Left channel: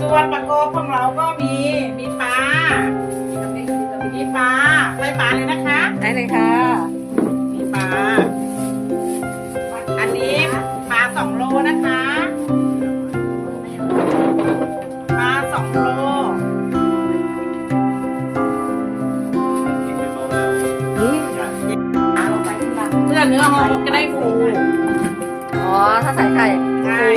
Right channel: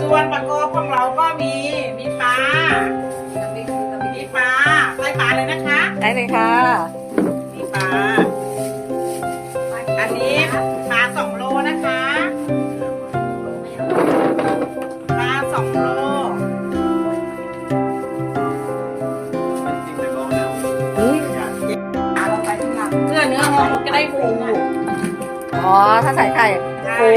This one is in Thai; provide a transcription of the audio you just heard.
ส่วนปลาโกของเราก็มีมีปลามีปลาใส่ปลาเลยนะคะ ได้เลยค่ะ มีปลา อันนี้ปลาสองโลนะคะปลาสองโลนี่เพื่อเนื้อหอมจะได้ฟูอ๋อ ถ้าใส่ไข่ฟู